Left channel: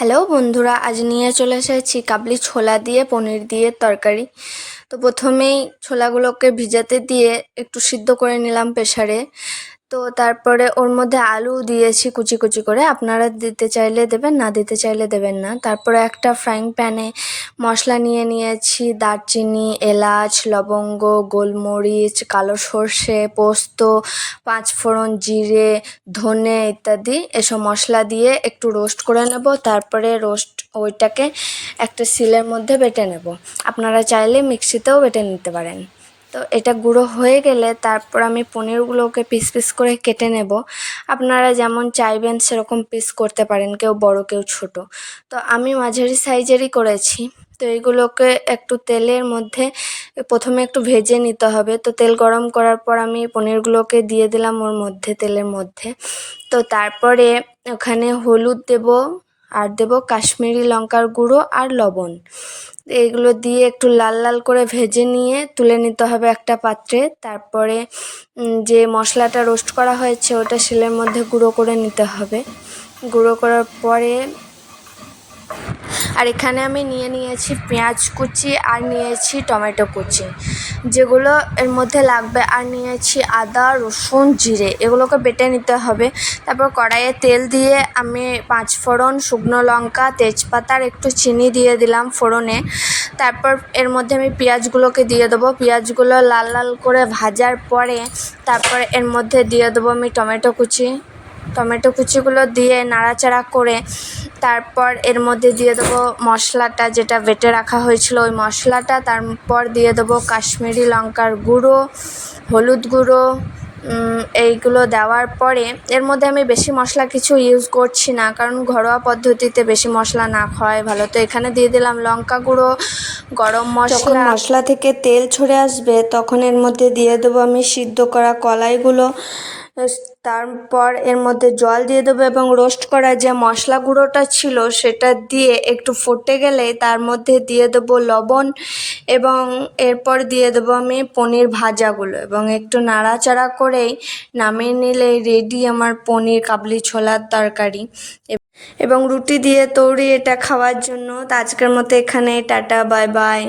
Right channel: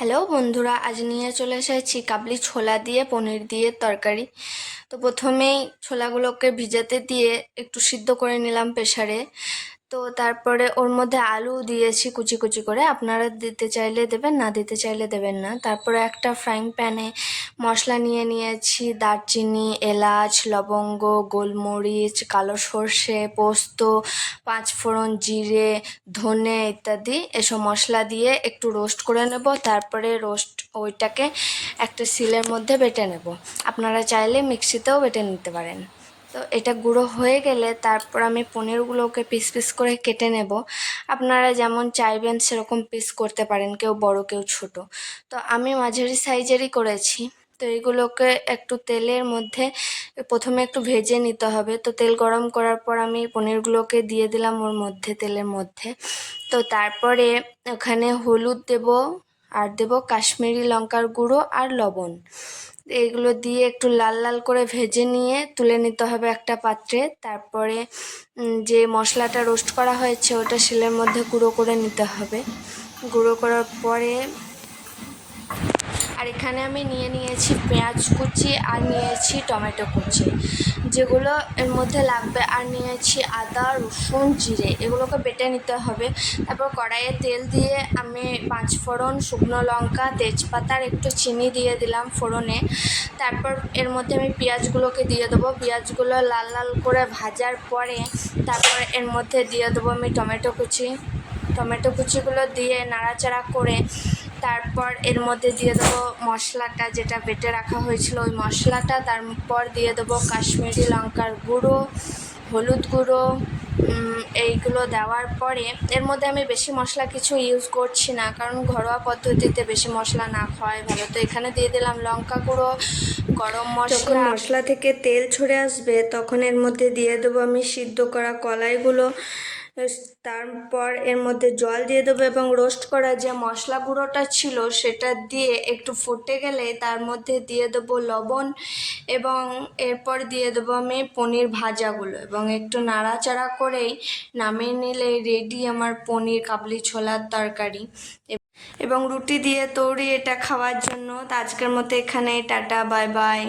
Hello বন্ধুরা, আজ নিয়ে চলে এসেছি কাবলি ছোলা দিয়ে পনির দিয়ে তরকারি। তো প্রথমেই ছোলাগুলোকে ভিজাতে দিয়ে একটু সিদ্ধ করে নিলাম প্রেসারে। তো তারপরে ওর মধ্যে আলু দিয়েছি কুচি কুচি করে, আপনারা দিতে চাইলে দেবেন, না দিতে চাইলে দেবেন না। তারপরে একটা ফ্রাইং প্যানে মশলা নিয়ে নিয়েছি, দারচিনি, এলাচ, লবঙ্গ, গোলমরিচ, কালো সর্ষে, পোস্ত, পাঁচফোড়ন, জিরে, ধনে ইত্যাদি এসব মশলা দিয়ে একটু রোস্ট করে নেব। তারপরে ওইটাকে একটা শিলের মধ্যে বেটে নেব। আপনারা চাইলে মিক্সিতেও বেটে নিতে পারেন। তো এটা গুঁড়ো হয়ে গেলে তারপর আমি পনিরগুলোকে পিস পিস করে কেটে নেব। আপনারা যেমন চাইবেন সেরকম পিস করতে পারেন, কেউ বড় কেউ ছোট। তো আমি মাঝারি সাইজেরই করেছি। তো এইগুলোকে একটু তেলের মধ্যে প্রথমে একটু ভেজে নিতে হবে। তো তেল গরম করার পর আমি পনিরগুলোকে দিয়ে দিলাম ওর মধ্যে, তেলের মধ্যে। তো তারপরে ওখানে হলুদ দেব, আর দেব কাশ্মীরি লঙ্কার গুঁড়ো আর লবণ। এইগুলো দিয়ে একটু লাল লাল করে ভেজে নিয়ে তুলে নিতে হবে একটা পাত্রে। তারপরে যে মশলাটা রোস্ট করা হয়েছে ওটা শিলের মধ্যে গুঁড়ো করে নিতে হবে। গুঁড়ো করার পরে আর এখানে আমি নিয়েছি পেঁয়াজ কুচি আর নিয়েছি টমেটো কুচি, যেগুলো এর মধ্যে লাগবে। আর নিয়েছি আদা, রসুন, জিরে, এগুলোকে বেটে নিতে হবে। তারপর কড়াইয়ে তেল দিয়ে আমি পাঁচফোড়ন, শুকনো লঙ্কা, তেজপাতা আর একটু চিনি দিয়ে দিলাম ফোড়নে। তারপর এর মধ্যে আমি পেঁয়াজগুলোকে দিয়ে দেবো। পেঁয়াজগুলো লাল লাল করে ভাজার পরে তারপর এর মধ্যে দিয়ে দেবো আমি টমেটো কুচিগুলো দিয়ে নাড়াচাড়া করে তারপর এর মধ্যে দিয়ে দেবো মশলাটা যেটা বেটে রাখা হয়েছিল, ওই মশলাটা। তারপর দিয়ে দেবো কাশ্মীরি লঙ্কার গুঁড়ো, হলুদ গুঁড়ো। এইগুলো দেওয়ার পরে এর মধ্যে আমি বেশি মশলা কিছু ইউজ করছি না, কারণ ঘরোয়া পদ্ধতিতে বেশি মশলা না খাওয়াই ভালো। তো এখানে দিয়ে দিলাম লঙ্কা গুঁড়ো, গরম মশলা। যখন মশলা থেকে তেল ছেড়ে আসবে তখন এর মধ্যে দিয়ে দেবো আমি সিদ্ধ করা কলাইগুলো। তারপর এর মধ্যে জল দিয়ে দেবো এবং রোস্ট করা যে মশলা গুঁড়োটা ছিল সেটা দিয়ে একটু ফুটে গেলে তার মধ্যে দিয়ে দেবো লবণ এবং এরপর দিয়ে দেবো আমি পনির ভাজাগুলো এবং একটু নাড়াচাড়া করেই নামিয়ে নিলে রেডি আমার পনির কাবলি ছোলার তরকারি। এবং রুটি দিয়ে তৈরি এটা খাওয়ার জন্য। তো আজকের মতো এখানে টাটা, বাই বাই।